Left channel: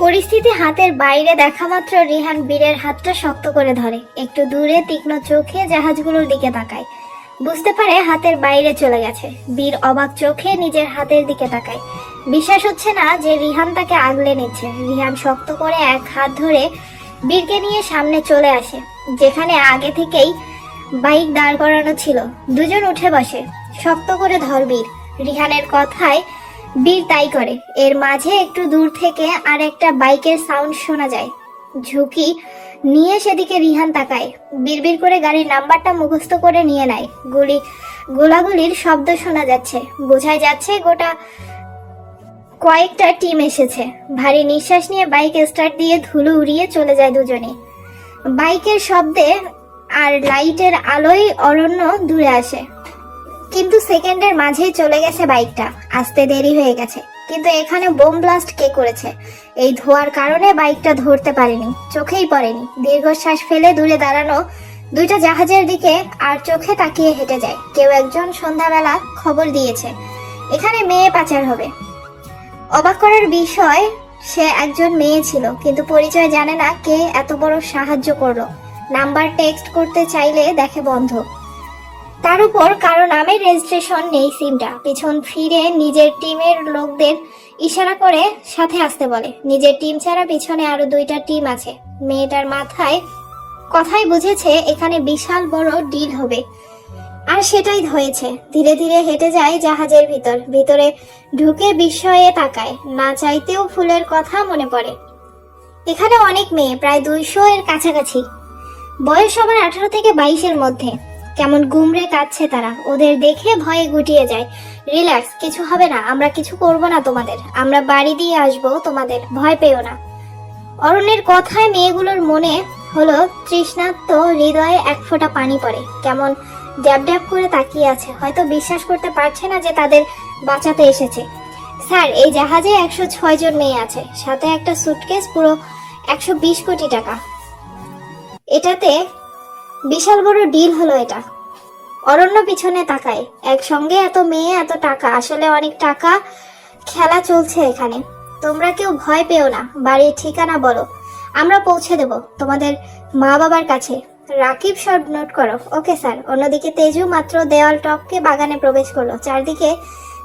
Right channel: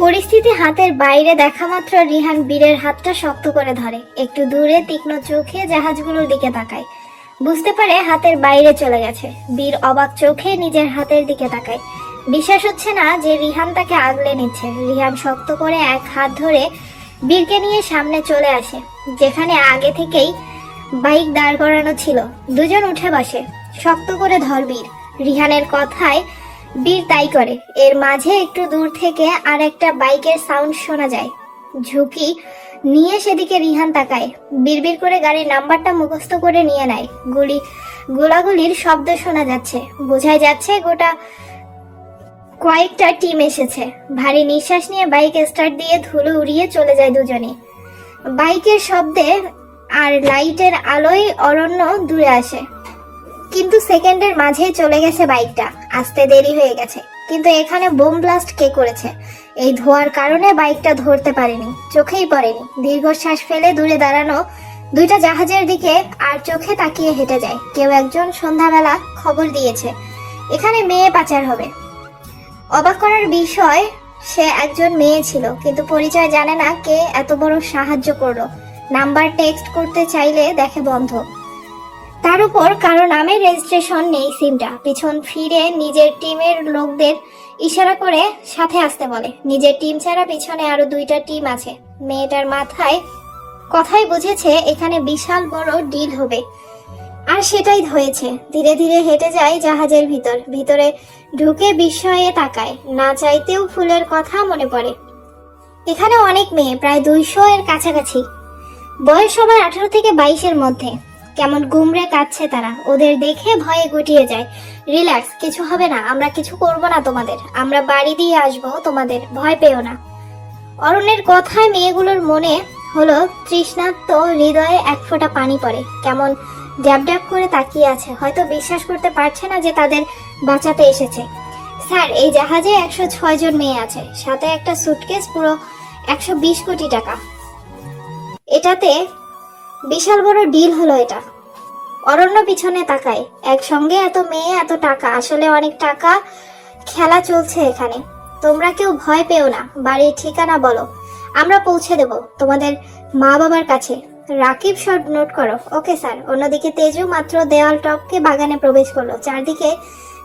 পরিস্থিতি হাতের বাইরে দেখা মাত্র রিহান বীরের হাতটা শক্ত করে ধরে। একটু দূরে তীক্ষ্ণ চোখে জাহাজগুলোর দিকে তাকায়। বুঝতে পারে হাতের বাইরে চলে গেছে। বীর অবাক চোখে নিজের হাতের দিকে তাকায়। বিশ্বাস হচ্ছে না যে রিহান তাকে আগলে নিচ্ছে। রিহান শক্ত করে এক হাত ধরে বীরকে নিয়ে সামনে চলে আসে, যেখানে আগে থেকেই বাইক দাঁড় করানো ছিল। দুজন উঠে বসে। শক্ত করে ধর বীর। রিহানের কথায় বীর তাই করে। এর মাঝে একটু দূর থেকে আর একটা বাইকের সাউন্ড শোনা যায়। ঝুঁকি নিয়ে সেদিকে রিহান তাকায়। বিড়বিড় করে গাড়ির নাম্বারটা মুখস্থ করে নিয়ে নেয়। গুলি, গোলাগুলির শব্দ শোনা যাচ্ছে। বোঝা যাচ্ছে গোটা কয়েকটা টিম এসেছে। ভারী নিঃশ্বাস নিয়ে বাইক স্টার্ট দিয়ে ধুলো উড়িয়ে চলে যায় দুজনে। বাইকের শব্দে আর লাইটের আলোয় অরণ্য দূরে আসে। কিন্তু সেকেন্ডের মাঝেই চলে গেছে বাইকটা। আসতে দেরি হয়ে গেছে। কিন্তু এখানে বোম ব্লাস্ট কে করেছে? এই ধোয়ার কারণে বাইকটা ধরতে পারেনি, চোখেই পড়েনি। দীর্ঘশ্বাস ফেলে দূরে দাঁড়ানো দুইটা জাহাজের দিকে আর চোখে তাকিয়ে হেঁটে যায়। কেউ একজন সন্ধ্যাবেলা খবর দিয়েছে, এখানে মেয়ে পাচার হবে। অবাক করার বিষয়, সে একজন মেয়ে ছিল, কিন্তু পরিচয় জানে না কে এত বড় সাহায্য করল। নাম্বার টেক্সট করতে চাইলে দেখে বন্ধ। তার উপর কারও নামে রেজিস্ট্রেশন নেই সিমটা। পিছন ফিরে নিজের টিমের লোকদের ইশারা করে সাথে আসতে বলে। নিজের টিম ছাড়া পিছনে আরও দুইটা টিম আছে। মেয়েটার মাথায় কথাই বুঝেছে, এখানে বিশাল বড় ডিল হবে। আর সেটাই হয়েছে। ধীরে ধীরে হেঁটে যায় জাহাজের ভিতর। ভিতরে ঢুকে বিস্ময়ে তাকায়। না চাইতেও ফুলের কথা মনে পড়ে। এখানে অনেক মেয়ে, প্রায় দুইশো এর কাছাকাছি। বয়স সবার আঠারো থেকে বাইশের মধ্যে। কেমন গুমরে কাঁদছে তারা। ওদের দেখে ভয়ে গুটিয়ে যায়। রিল্যাক্স কিছু হবে না, আমরা কিছু করব না তোমাদের। আমরা বাড়ি দিয়ে আসব, তোমাদের ভয় পেও না। অরণ্যের কথায় মেয়েগুলোর মনে হলো তৃষ্ণাত্ম হৃদয়ে এক ফোঁটা পানি পড়ে। কেমন ড্যাব ড্যাব করে তাকিয়ে আছে। হয়তো বিশ্বাস করতে পারছে না যে তাদের বাঁচাতে এসেছে। স্যার, এই জাহাজে একশো ছয় জন মেয়ে আছে। সাথে একটা সুটকেস পুরো একশো বিশ কোটি টাকা। এটাতে বিশাল বড় ডিল হলো এটা। অরণ্য পিছনে তাকায়। একসঙ্গে এত মেয়ে, এত টাকা। আসলে অনেক টাকা খেলা চলছে এখানে। তোমরা কেউ ভয় পেও না। বাড়ির ঠিকানা বলো। আমরা পৌঁছে দেব তোমাদের মা বাবার কাছে। রাকিব শর্ট নোট করো। ওকে স্যার অন্যদিকে তেজু মাত্র দেওয়াল টপকে বাগানে প্রবেশ করল। চারদিকে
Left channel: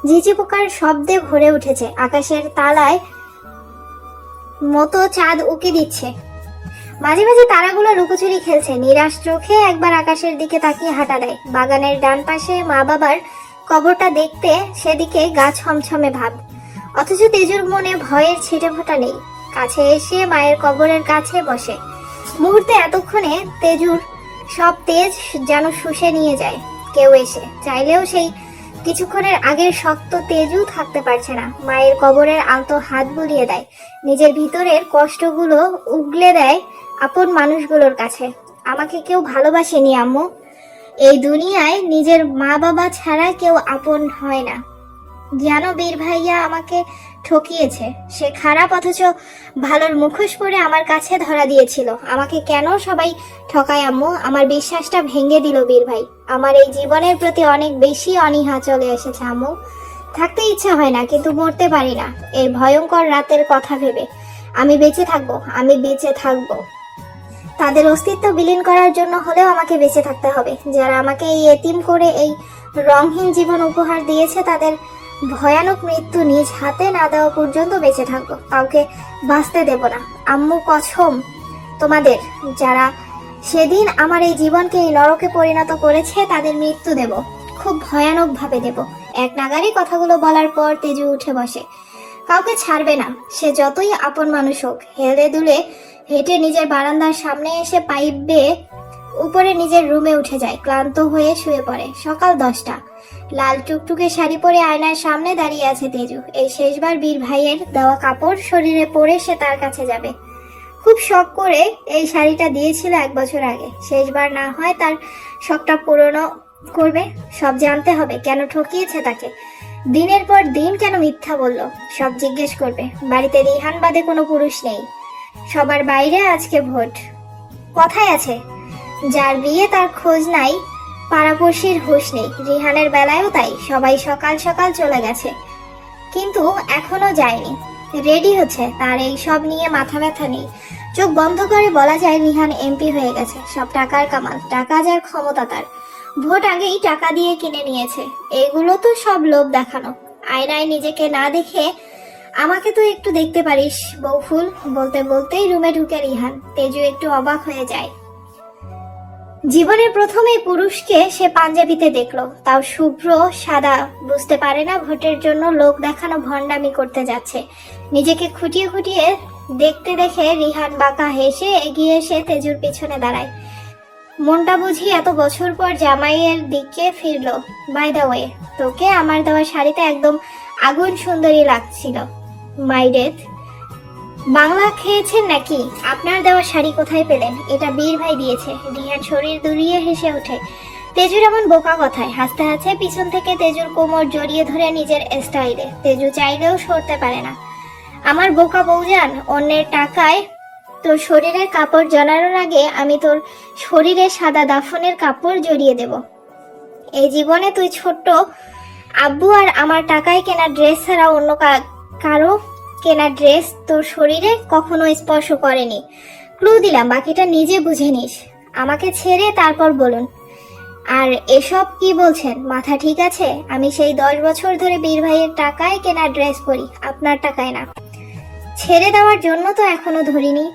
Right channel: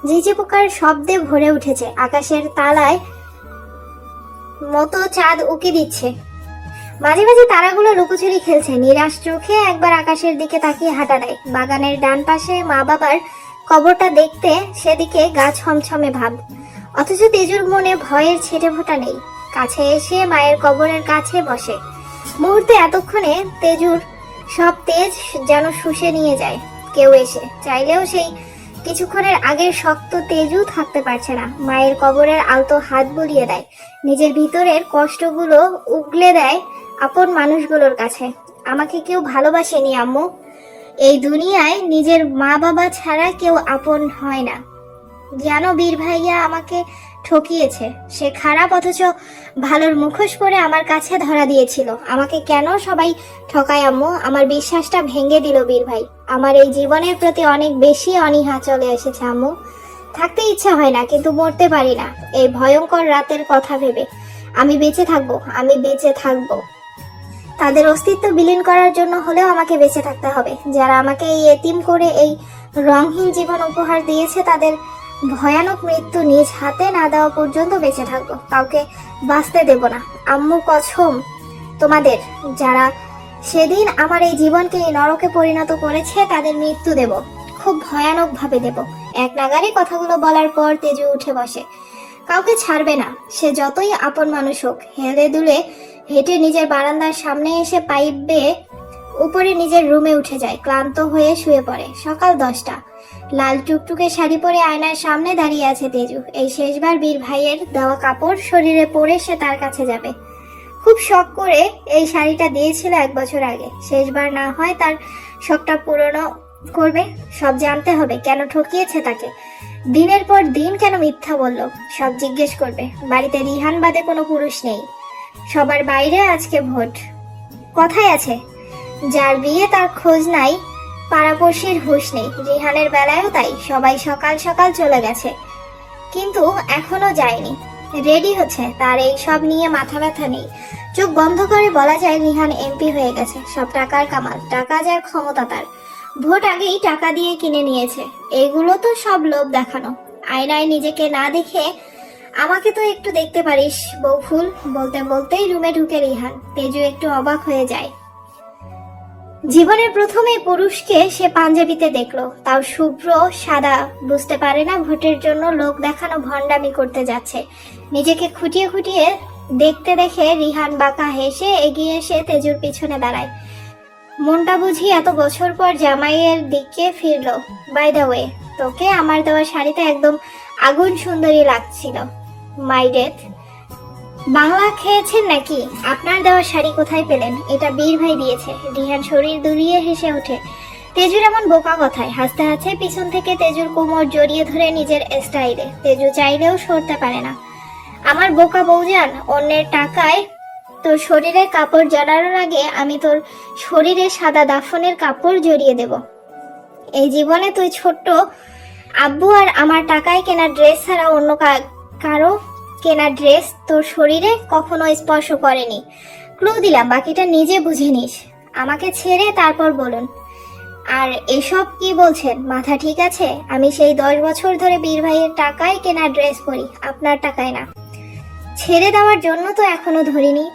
ঝিঝি পোকার শব্দে ভরে উঠেছে। আকাশের তালায় মতো চাঁদ উকি দিচ্ছে। মাঝে মাঝে তারাগুলো লুকোচুরি খেলছে। নিরাশ চোখে একবার আকাশের দিকে তাকিয়ে হাঁটা দেয়। বাগানের ডান পাশে মা বাবার কবরটা দেখতে সেদিকে গা ছমছমে ভাব। অথচ তেজুর মনে ভয়ের ছিটে ফোটা নেই। কাছে এসে মায়ের কবরের কাছে বসে। মুহূর্তে এতক্ষণে তেজুর সব তেজ যেন শুষে নিয়ে যায়। কেউ এসে চাইলেও সেই কিছুক্ষণের আগের শক্ত তেজও থাকতে পারছে না। মায়ের কবরের আলতো হাত বুলিয়ে দেয়। নিজের ভিতরের কষ্টগুলো উগলে দেয় আপন মানুষগুলোর কাছে। আমাকে কেউ ভালোবাসেনি, আম্মু। এই দুনিয়ায় নিজের মা বাবা ছাড়া কেউ আপন হয় না। জানো বীর ভাইয়া আমাকে ঠকিয়েছে। সে খারাপ অথচ ভালোর মুখোশ পরে আমার কাছে ধরা দিয়েছিল। আমাকে কেন সবাই ঠকায়, আম্মু? আমার বিশ্বাসটা ভেঙে দিল বীর ভাই। আমার এই জীবনের প্রতি অনেক বেশি অনীহা চলে এসেছে, আম্মু। থাকতে ইচ্ছা হয় না, কিন্তু মরতে পারি না। এই ভয়ঙ্কর রাতের কথা ভেবে আমি বেঁচে থাকব, আমি বেঁচে থাকব। তাদের অস্তিত্ব বিলীন করার জন্য হলেও আমাকে বেঁচে থাকতে হবে। যারা আমাকে এই এতিম করে এই রংহীন জীবন উপহার দিয়েছে, তাদের ভয়ানক মৃত্যু নিজ হাতে না দেওয়া পর্যন্ত বেঁচে থাকব। কাউকে বাঁচতে দেব না। আম্মু কছম তোমাদের, যারা সেদিন আমার এই জীবনকে এই নরকে পরিণত করেছে, তাদের মৃত্যু দেব। খুব ভয়ানক ভাবে দেব। এক নাগারে কথাগুলো বলার পর তেজু উঠে বসে। কাউকে ছাড়বে না। সে যতই আপন মানুষ হোক, হেলে দুলে হেঁটে নিজের বারান্দার সামনে এসে পাইপ বেয়ে উপরে নিজের রুমে উঠে যায়, ক্লান্ত হয়ে শুয়ে পড়ে। সকাল দশটা। লাল টুকটুকে শাড়ি পরে আয়নার সামনে দাঁড়িয়ে আছে তেজু। এই শেষবার বীর ভাইয়ের দেওয়া কাপড় শরীরে পরে সে তার কাছে যাবে। খুব শখ করে এই শাড়িটা দিয়েছিল এক বছর আগে। শেষবার না হয় তার শখটা পূরণ করবে। সব জানতে হবে কেন ঠকিয়েছে তাকে। দিনের পর দিন কেন মিথ্যা বলল? সব জিজ্ঞেস করবে। বাড়িতে রিহান বাদে কোনো পুরুষ নেই। সবার বাইরে আজকে ভোট। কথায় আছে, যার বিয়ে তার খোঁজ নাই, পাড়াপড়শির হুঁশ নেই। রিহানের বেলায়ও তাই, সবাই সকাল সকাল চলে গেছে। কিন্তু এখনও যায়নি। রেডি হচ্ছে, তার এই সব নিয়ে মাথা ব্যথা নেই। চোখ বন্ধ করে বলা যায় রিহান এমপি হয়ে গেছে। সব টাকার কামাল, টাকা যার ক্ষমতা তার। ভোট আগেই টাকা দিয়ে কিনে নিয়েছে। এগুলো তো সব লোভ দেখানো। আয়নায় নিজেকে না দেখে আমাকে তো একটু দেখতে পারিস বউফুল বলতে বলতেই রুমে ঢুকে রিহান। তেজু একটু অবাক হয়ে যায়। জীবনের প্রথমে পুরুষকে সে পাঞ্জাবিতে দেখল। তাও শুভ্র, সাদা, বুঝতে পারে না ভোটের জন্য লোক দেখানো ভণ্ডামি করতে যাচ্ছে। নিজেকে খুঁটিয়ে খুঁটিয়ে দেখতে দেখে রিহান বাঁকা হেসে এগিয়ে এসে তেজুর পিছনে দাঁড়ায়। মনটা বুঝি এত বছর পর জামাইয়ের দিকে ফিরলো। বাই দা ওয়ে তোকে আমার দেওয়া শাড়িতে একদম আগুন সুন্দরী লাগছিল। মাই ডেথ বাংলা খেয়েছেন নাকি? আপনার দেওয়া শাড়ি কোথায় পেলেন? এটা বীর ভাই দিয়েছে। রিহান শরীর দুলিয়ে হেসে ওঠে। তেজুর এমন বোকা কথায় হাসতে হাসতে পিছন থেকে তেজুর কোমর জড়িয়ে ধরে নিজের স্টাইলে তেজু চাইলেও সরতে পারে না। আমার বোকা বউজান, অন্যের টাকায় তোর শরীরের কাপড় জানানোর আগে আমি তোর শরীরে সাদা দাফনের কাপড় জড়িয়ে দেব। এই জীবনে তুই ছোট্ট আব্বু আর আমার টাকায় কেনা ড্রেস ছাড়া অন্য কারও কেনা ড্রেস তোর শরীরে কখনো স্পর্শ করেনি। ক্লু দিলাম, বাকিটা নিজে বুঝে নিস। আমাকে ছেড়ে তারপর বলুন। আর এসব কি বলছেন? মাথা ঠিক আছে? আমি সেই দশ বছর ধরে বীর ভাইয়ের টাকায় কেনা ড্রেস পরি, আপনার টাকায় না। ছেড়ে দেওয়ার জন্য তো এখনও ধরিনি।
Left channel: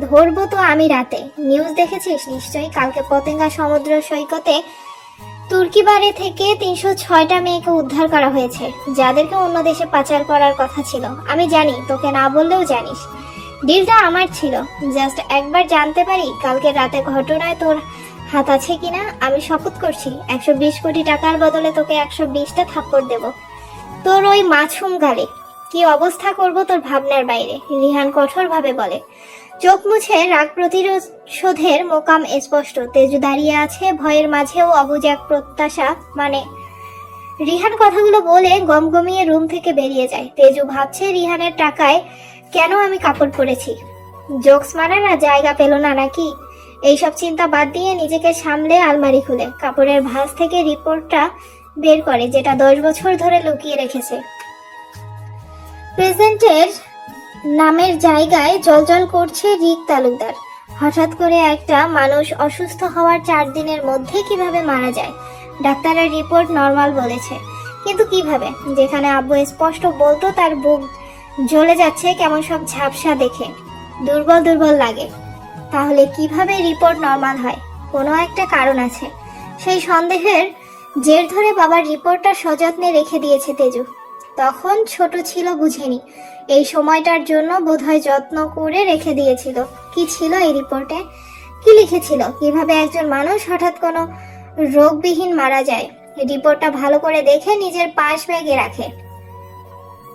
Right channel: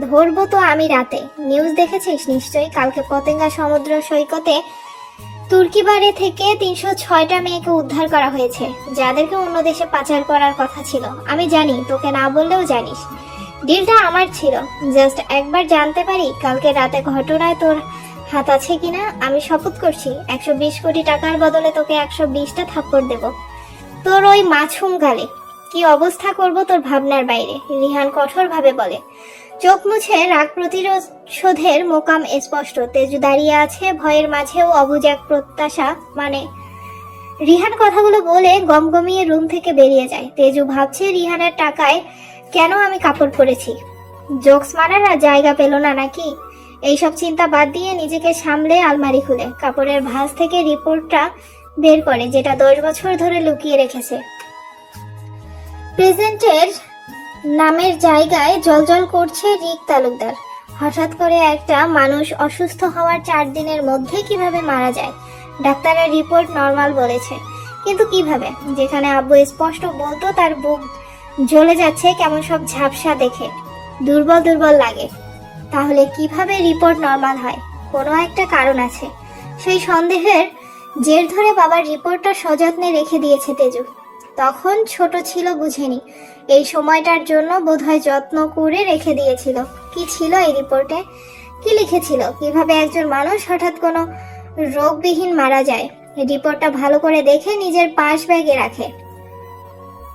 ধরবো তো আমি রাতে। নিউজ দেখেছিস নিশ্চয়ই? কালকে পতেঙ্গা সমুদ্র সৈকতে তুর্কিবারে থেকে তিনশো ছয়টা মেয়েকে উদ্ধার করা হয়েছে। যাদেরকে অন্য দেশে পাচার করার কথা ছিল। আমি জানি, তোকে না বললেও জানিস। ডিলটা আমার ছিল। জাস্ট একবার জানতে পারি কালকে রাতে ঘটনায় তোর হাত আছে কিনা, আমি শপথ করছি, একশো বিশ কোটি টাকার বদলে তোকে একশো বিশটা থাপ্পড় দেব। তোর ওই মাছুম গালে। কি অবস্থা করব তোর ভাবনার বাইরে? রিহান কঠোরভাবে বলে। চোখ মুছে রাগ প্রতিরোধের মোকাম স্পষ্ট। তেজু দাঁড়িয়ে আছে ভয়ের মাঝেও অবুজ এক প্রত্যাশা। মানে রিহান কথাগুলো বলে গমগমিয়ে রুম থেকে বেরিয়ে যায়। তেজু ভাবছে, রিহানের টাকায় কেন আমি কাপড় পরেছি? জোকস মারা না জায়গা পেল না নাকি? এইসব চিন্তা বাদ দিয়ে নিজেকে সামলে আলমারি খুলে। কাপড়ের ভাঁজ থেকে রিপোর্টটা বের করে, যেটা দশ বছর ধরে লুকিয়ে রেখেছে। প্রেজেন্টের নামের জায়গায় জলজল করছে রিক তালুকদার। হঠাৎ করে একটা মানুষ অসুস্থ হওয়ার চার দিনের মধ্যে কীভাবে মারা যায়? ডাক্তারের রিপোর্ট নর্মাল বলেছে। কিন্তু কীভাবে? যেখানে আব্বু স্পষ্ট বলতো, তার বুক জ্বলে যাচ্ছে কেমন সব ঝাপসা দেখে। দুর্বল দুর্বল লাগে। তাহলে কীভাবে রিপোর্ট নর্মাল হয়? কোনো একটা কারণ আছে। সেই সন্দেহের জের ধরে বাবার রিপোর্টটা সযত্নে রেখে দিয়েছে তেজু। তখন ছোট ছিল বুঝেনি। এই সময়টার জন্য বোধহয় যত্ন করে রেখে দিয়েছিল। কি ছিল এই রিপোর্টে? কি লিখেছিল? কীভাবে একজন মানুষ হঠাৎ কোনো রোগবিহীন মারা যায়? রিপোর্টটা ভালো করে দেখে নিজের পাশ ব্যাগে রাখে।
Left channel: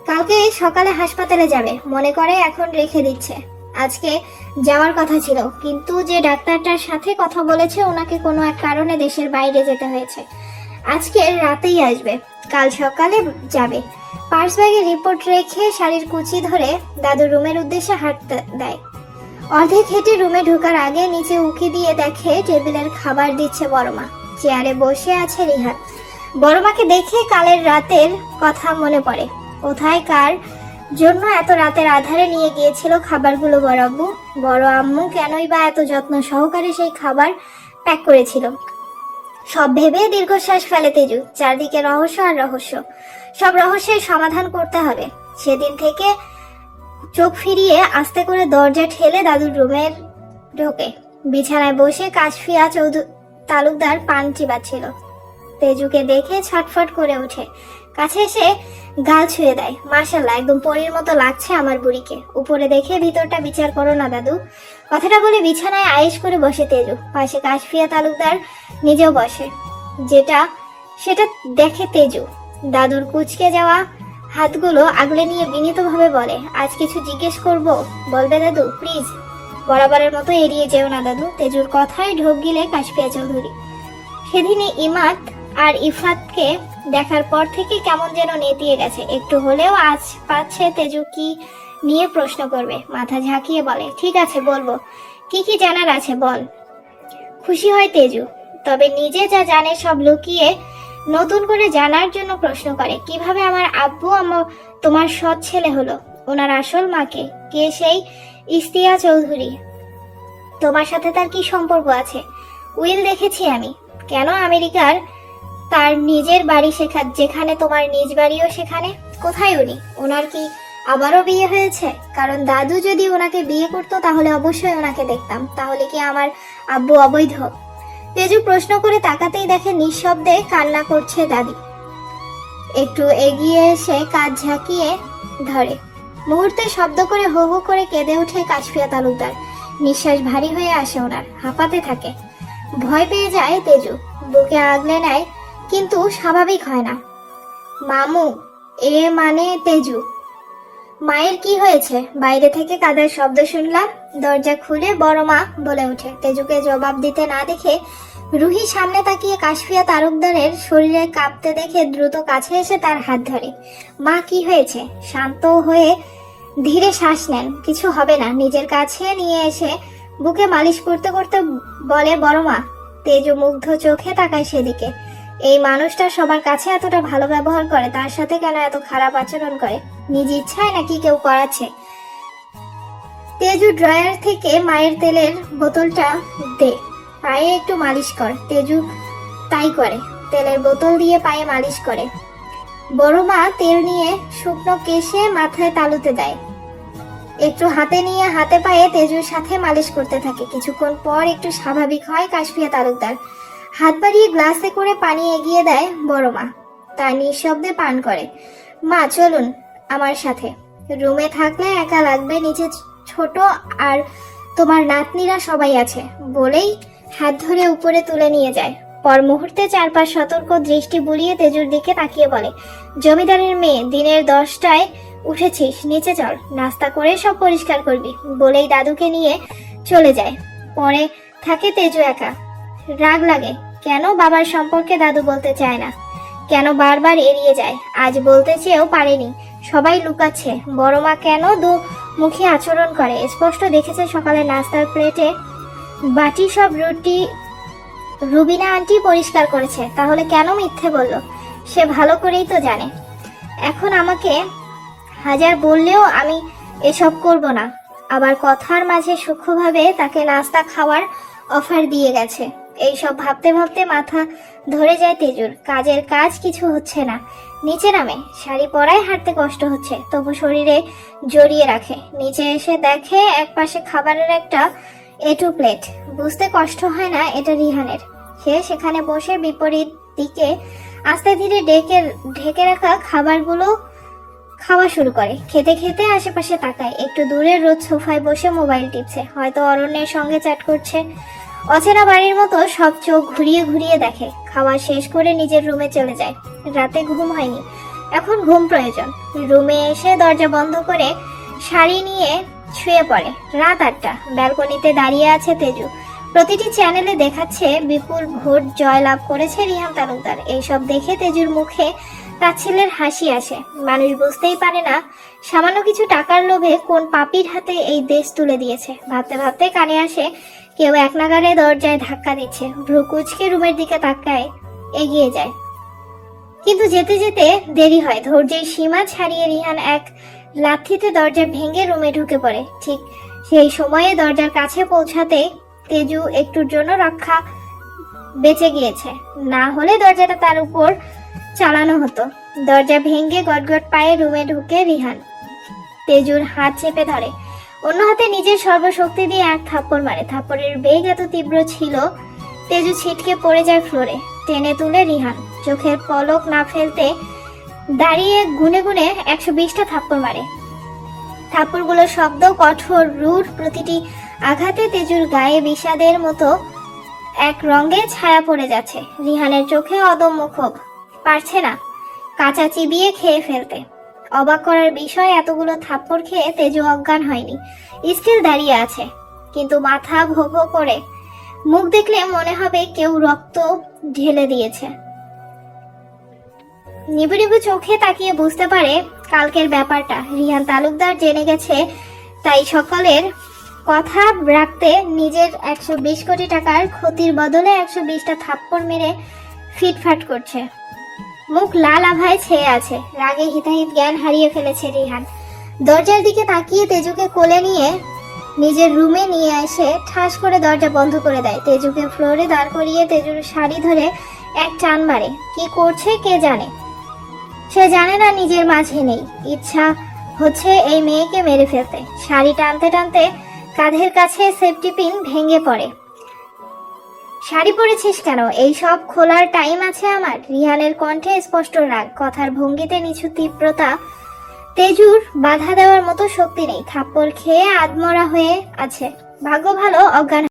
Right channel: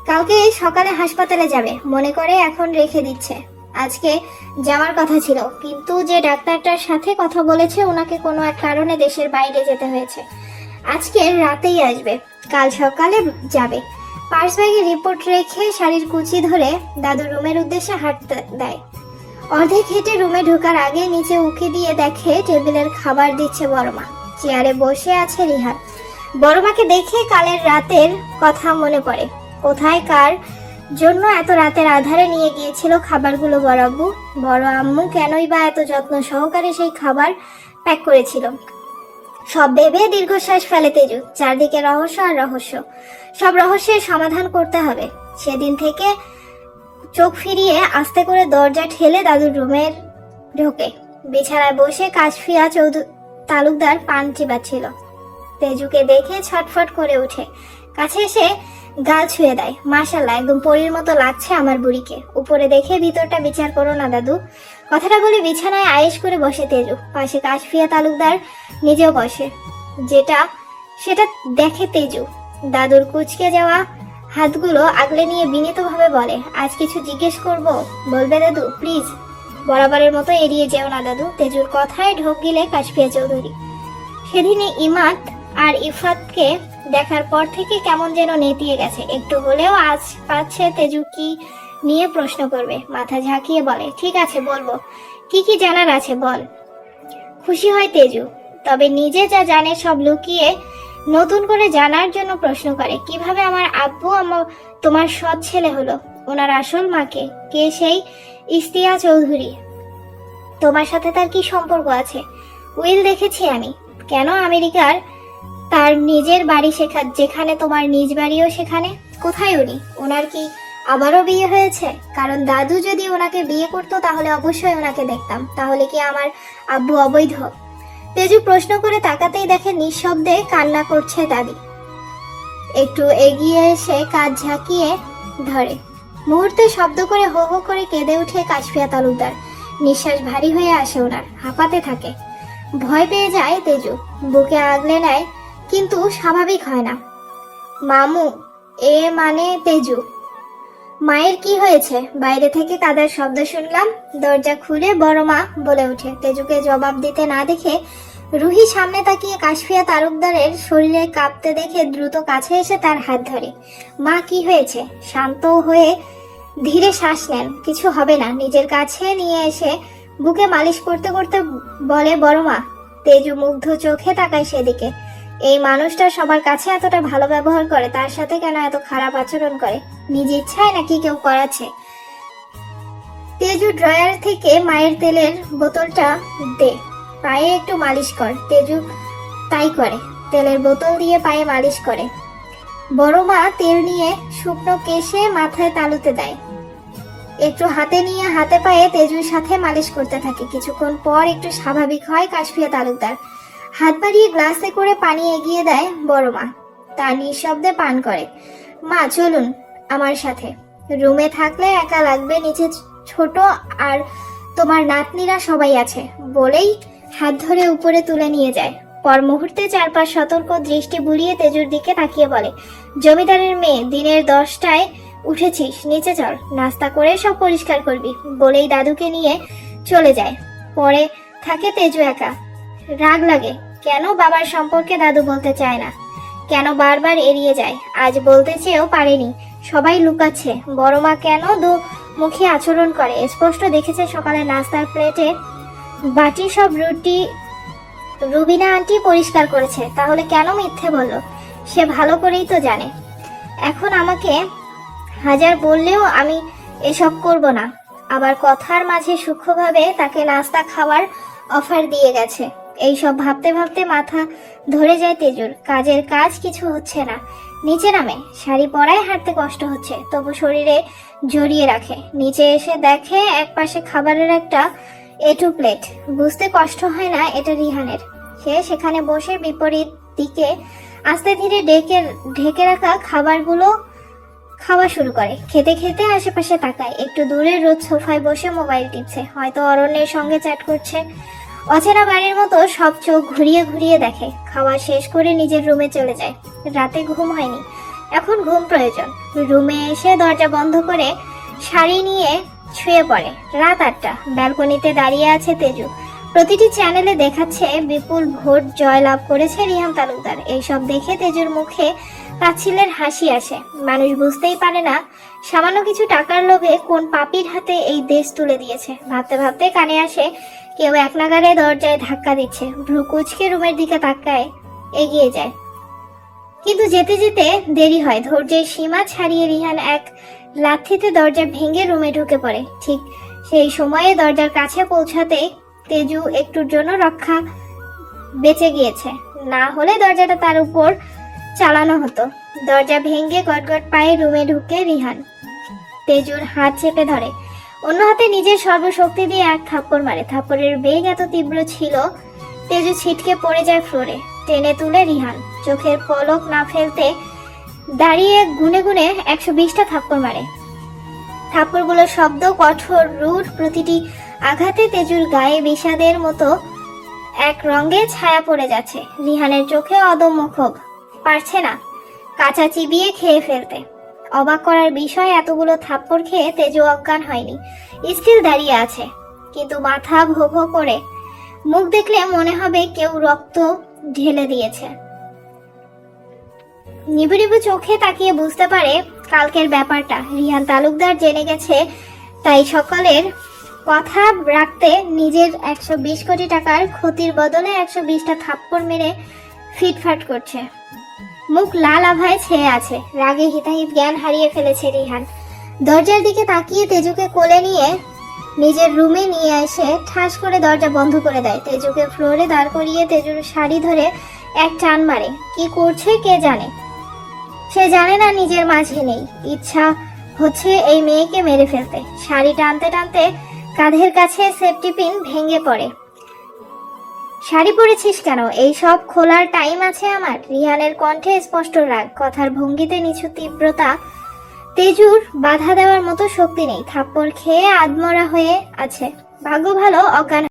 কালকে সকালে হাসপাতালে যাবে, মনে করে এখন রেখে দিচ্ছে। আজকে যাওয়ার কথা ছিল, কিন্তু যে ডাক্তারটার সাথে কথা বলেছে, ওনাকে কোনো এক কারণে দেশের বাইরে যেতে হয়েছে। আজকে রাতেই আসবে, কাল সকালে যাবে। পার্স ব্যাগে রিপোর্ট রেখে শাড়ির কুচি ধরে দাদু রুমের উদ্দেশ্যে হাঁটতে দেয়। অর্ধেক হেঁটে রুমে ঢোকার আগে নিচে উঁকি দিয়ে দেখে টেবিলের খাবার দিচ্ছে বড়মা চেয়ারে বসে আছে রিহান। বড়মাকে দেখে কালের রাতের কথা মনে পড়ে। কোথায় কার জন্য এত রাতের আধারে নিয়ে গিয়েছিল খাবারগুলো বড় আব্বু? বড় আম্মু কেনই বা এত যত্ন সহকারে সেই খাবার প্যাক করেছিল? সব ভেবে দীর্ঘশ্বাস ফেলে তেজু, চারদিকে রহস্য আর রহস্য। সব রহস্যের সমাধান করতে হবে। সেদিন থেকে চোখ ফিরিয়ে আস্তে করে দরজা ঠেলে দাদুর রুমের ঢোকে। বিছানায় বসে কাশফিয়া চৌধুরী তালুকদার পান চিবাচ্ছিল। তেজুকে দেখে ছটফট করে ওঠে। কাছে এসে গাল ছুঁয়ে দেয়। মার্শাল্লাহ একদম পরীর মতো লাগছে আমার বুড়িকে। উপরে দেখে ভিতরটা বিচার করো না, দাদু। কথাটা বলে বিছানায় আয়েশ করে বসে তেজু। পাশে কাশফিয়া তালুকদার নিজেও বসে। যেটা, সেটা দেখে তেজু। দাদুর কুচকে যাওয়া হাতগুলো আগলে নিয়ে বিনীতভাবে বলে, আজ কিছু জিজ্ঞেস করব? বলবে দাদু, প্লিজ, বরাবরের মতো এড়িয়ে যেও না, দাদু। তেজুর কথায় ঢোক গিলে কাশফিয়া চৌধুরী। সেদিনে ইমাত আর ইফাতকে দেখার পর থেকে কেমন যেন নেতিয়ে গেছে। একটু হলেও আজ পাচ্ছে তেজু কি নিয়ে প্রশ্ন করবে। মাথা ঝাঁকিয়ে বলে, ঠিক আছে, বলব। কি কি জানার আছে বল? খুশি হয় তেজু, তবে নিজে যা জানে সব লুকিয়ে নতুন করে জানার জন্য প্রশ্ন করে, কীভাবে আমার আব্বু আমার তোমার সৎ ছেলে হলো? ওনার আসল মাকে? কে সেই ইস্তিয়া চৌধুরী? তোমার সাথে তার কি সম্পর্ক আছে? উইল দেখেছি আমি। কেন আমেরিকার তার নিজের বাড়ি শেখা, যেখানে তোমার নিজ বাড়িও সেখানে? কোথায় উনি? ওনার কি আবারও বিয়ে হয়েছে? কারণ দাদু যদি ওনাকে বিয়ে করতো, তাহলে অবশ্যই ওনাকে দেখতাম। তাহলে কি আমার আব্বু অবৈধ? তেজু প্রশ্ন করে তাকাতেই দেখে নিঃশব্দে কান্না করছে দাদি। একটু এগিয়ে এসে কাজ ঝাঁকিয়ে ধরে। মুহূর্তে শব্দ করে হো হো করে কেঁদে উঠে কাশফিয়া তালুকদার। নিঃশ্বাস ভারী হয়ে আসে ওনার হাঁপাতে থাকে। ভয় পেয়ে যায় তেজু। বুকে আগলে নেয় কিন্তু স্বাভাবিক হয় না। মামু, এ মানে তেজু। মায়ের কি হয়েছে? বাইরে থেকে কাদার শব্দ শুনলাম। দরজা খুলে বড় মা বলে ওঠে। তেজুকে জবাব দিতে না দেখে রুহি সামনে তাকিয়ে কাশফিয়া তারকদারের শরীরে কাঁপতে দেখে দ্রুত কাছে এসে তার হাত ধরে। মা, কি হয়েছে? শান্ত হয়ে ধীরে শ্বাস নেন। কিছু হবে না। নিজের কাছে নিয়ে এসে বুকে মালিশ করতে করতে বলে, বড় মা। তেজু মুগ্ধ চোখে তাকায় সেদিকে। এই মানুষটা সবার কাছে এতটা ভালো ব্যবহার করে, তার সাথে কেন এত খারাপ আচরণ করে? নিজ ইচ্ছায় নাকি কেউ করাচ্ছে? তেজু ড্রয়ার থেকে মায়ের তেলের বোতলটা দে। পায়ে একটু মালিশ কর। তেজু তাই করে। তেলের বোতল দিয়ে পায়ে মালিশ করে। বড় মা তেল নিয়ে শুকনো কেশে মাথায় তালুতে দেয়। একটু হাতে নিয়ে হাতে পায়ে তেজুর সাথে মালিশ করতে থাকে। কিছুক্ষণ পর একটু স্বাভাবিক হয় কাশফিয়া তালুকদার। হাত বাড়িয়ে গ্লাসে করে পানি এগিয়ে দেয় বড় মা। তা নিঃশব্দে পান করে। মা, চলুন আমার সাথে। রুমে থাকলে একা লাগবে নিচে ছোট আর তোমার নাতনিরা সবাই আছে বলেই হাত ধরে উপরে তুলে নিয়ে যায়। পর মুহূর্তে চারপাশ সতর্ক দৃষ্টি বুলিয়ে তেজুর দিকে তাকিয়ে বলে, জমিদারের মেয়ে, দিনের দশটায় উঠেছিস, নিচে চল, নাস্তা করে সব পরিষ্কার করবি, বলেই দাদুকে নিয়ে চলে যায়। পরে থাকে তেজু একা। রাগ লাগে কেন বাবার সম্পর্কে দাদু বলতে চায় না? কেন বারবার এড়িয়ে যায়? আজ বলতে চেয়েও পারেনি। সবাই লুকাচ্ছে। বড় মা কেন দু মুখে আচরণ করে? স্পষ্ট দেখেছে সকালে নাস্তার প্লেটে বাটি, সব রুটি রুবিনা আন্টি পরিষ্কার করেছে। তাহলে কেন মিথ্যে বলল? সে ভালো করেই তো জানে। এখন আমাকে হাজার বললেও আমি এসব করব না। আবার কথার মাঝে সূক্ষ্মভাবে তাকে নাস্তা খাওয়ার অফার দিয়ে গেছে। এই সব ভাবতে ভাবতে মাথা ধরে যায় তেজুর। কাজের কাজ কিছু হচ্ছে না। নিচে নামে। শাড়ি পরায় হাঁটতে কষ্ট হচ্ছে। তবু শরীরে জড়িয়ে রাখে। নিচে এসে দেখে এক পাশে খাবারের একটা এটু প্লেট। বুঝতে কষ্ট হয় না এটা রিহানের। সে সেখানে বসে বিপরীত দিকে আস্তে ধীরে ডেকে, ঢেকে রাখা খাবারগুলো খাওয়া শুরু করে। খেতে খেতে আশেপাশে তাকায়। একটু দূরের রুদ সোফায় বসে মোবাইল টিপছে। হয়তো অরণ্যের সঙ্গে চ্যাট করছে। অচেনা বাড়ির মতো সব চোখ ঘুরিয়ে ঘুরিয়ে দেখে। খাওয়া শেষ করে নিজের রুমে চলে যায়। রাতে ঘুম হয়নি। এখন ঘুম প্রয়োজন। রুমে এসে দরজা বন্ধ করে শাড়ি নিয়ে শুয়ে পড়ে। রাত আটটা। ব্যালকনিতে দাঁড়িয়ে আছে তেজু। প্রতিটি চ্যানেলে দেখাচ্ছে বিপুল ভোট জয়লাভ করেছে রিহাম তালুকদার। এইসব দেখে তেজুর মুখে তার ছেলের হাসি আসে। মানুষ বুঝতেই পারে না, সামান্য কিছু টাকার লোভে কোন পাপির হাতে এই দেশ তুলে দিয়েছে। ভাবতে ভাবতে কানে আসে কেউ এক নাগারে দরজায় ধাক্কা দিচ্ছে। কুচকে রুমের দিকে তাকায়, এগিয়ে যায়। কিন্তু যেতে যেতে দেরি হয়। ধৈর্যের সীমা ছাড়িয়ে রিহান এক লাথিতে দরজা ভেঙে রুমে ঢুকে পড়ে। ঠিক সেই সময়ে দরজার কাছে পৌঁছাতে তেজু একটুর জন্য রক্ষা বেঁচে গিয়েছে। না হলে দরজাটা তার উপর চালানো হতো। দরজা ভেঙে গটগট পায়ে রুমে ঢুকে রিহান তেজুর হাত চেপে ধরে। অন্য হাতে নিজের সর্বশক্তি দিয়ে এক থাপ্পড় মারে। থাপ্পড়ের বেগ এত তীব্র ছিল, তেজু ছিটকে পড়ে যায় ফ্লোরে, টেনে তুলে রিহান। চোখের পলক না ফেলতে দাঁড়িয়ে গুনে গুনে একশো বিশটা থাপ্পড় মারে। থাপ্পড়গুলোর শব্দ, কঠোর রুট, প্রতিটি আঘাতে তেজুর গায়ে বিষাদের মতো এক রঙের ছায়া পড়ে যাচ্ছে। রিহানের চোখে অদম্য ক্ষোভ, পারছে না কাঁচা চিবিয়ে খেয়ে ফেলতে। অবাক করার বিষয়, এতগুলো থাপ্পড় খেয়ে তেজু অজ্ঞান হয়নি। স্টিল দাঁড়িয়ে আছে, কিন্তু মাথা ভো ভো করে। মুখ দেখলে মনে হবে কেউ রক্ত ঢেলে দিয়েছে। নিবু নিবু চোখে তাকিয়ে বুঝতে পারে কালকের ব্যাপারটা। রিয়ান তালুকদার জেনে গেছে, তাই সকালের কথা রাখতে নিজের একশো বিশ কোটি টাকার ক্ষতির বদলে একশো বিশটা থাপ্পড় মেরে ফিটফাট করছে। মুখ লাল আভায় ছেয়ে আছে। রাগে হিতাহিত জ্ঞান হারিয়ে ফেলেছে রিহান। দরজার দিকে তাকিয়ে তেজুকে কোলে নিয়ে নিজের রুমে নিয়ে এসে ঠাস করে দরজা বন্ধ করে দেয়। তেজুকে ফ্লোরে দাঁড় করিয়ে তেজুর শাড়ি ধরে এক টান মারে। কি করছে কে জানে? সে জানে না নিজের মাঝে নেই। ইচ্ছা হচ্ছে এই মেয়েকে মেরে ফেলতে। শাড়ি টানতে টানতে কাঁধের কাছে সেফটি পিন ভেঙে পড়ে। শাড়ি পরেছিস কেন? এই সব খোলার টাইম আছে আমার। রিহানের কণ্ঠে স্পষ্ট রাগ, কথার ভঙ্গিতে নিছু তীব্রতা। তেজুর বাধা দেওয়ার মতো শক্তি নেই। থাপ্পড় খেয়ে আদমরা হয়ে আছে। ভাগ্য ভালো, অজ্ঞান